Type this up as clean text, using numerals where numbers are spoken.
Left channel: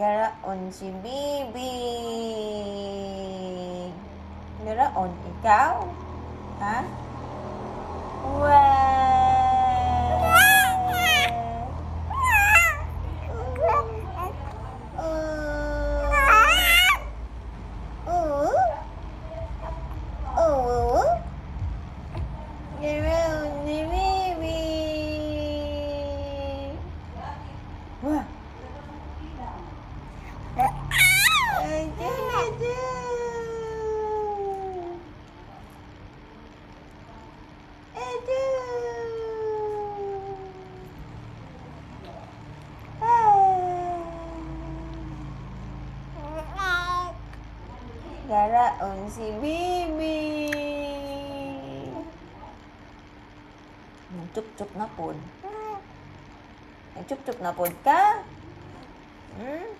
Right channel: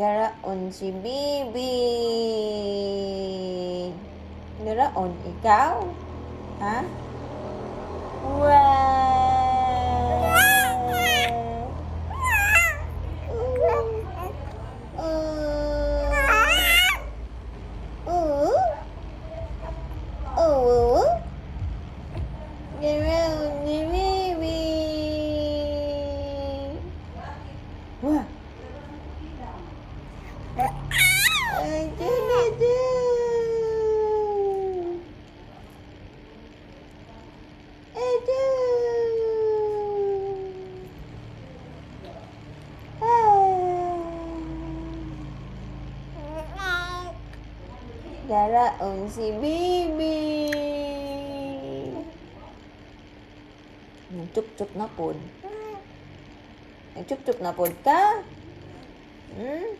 Daraon si Bibi. Daraon ikaw? Ha? Wow! Daraon si Bibi. Wah! Daraon si Bibi. Nagchup-chup na pod. Nagchup-chup na pod ka? Hmm?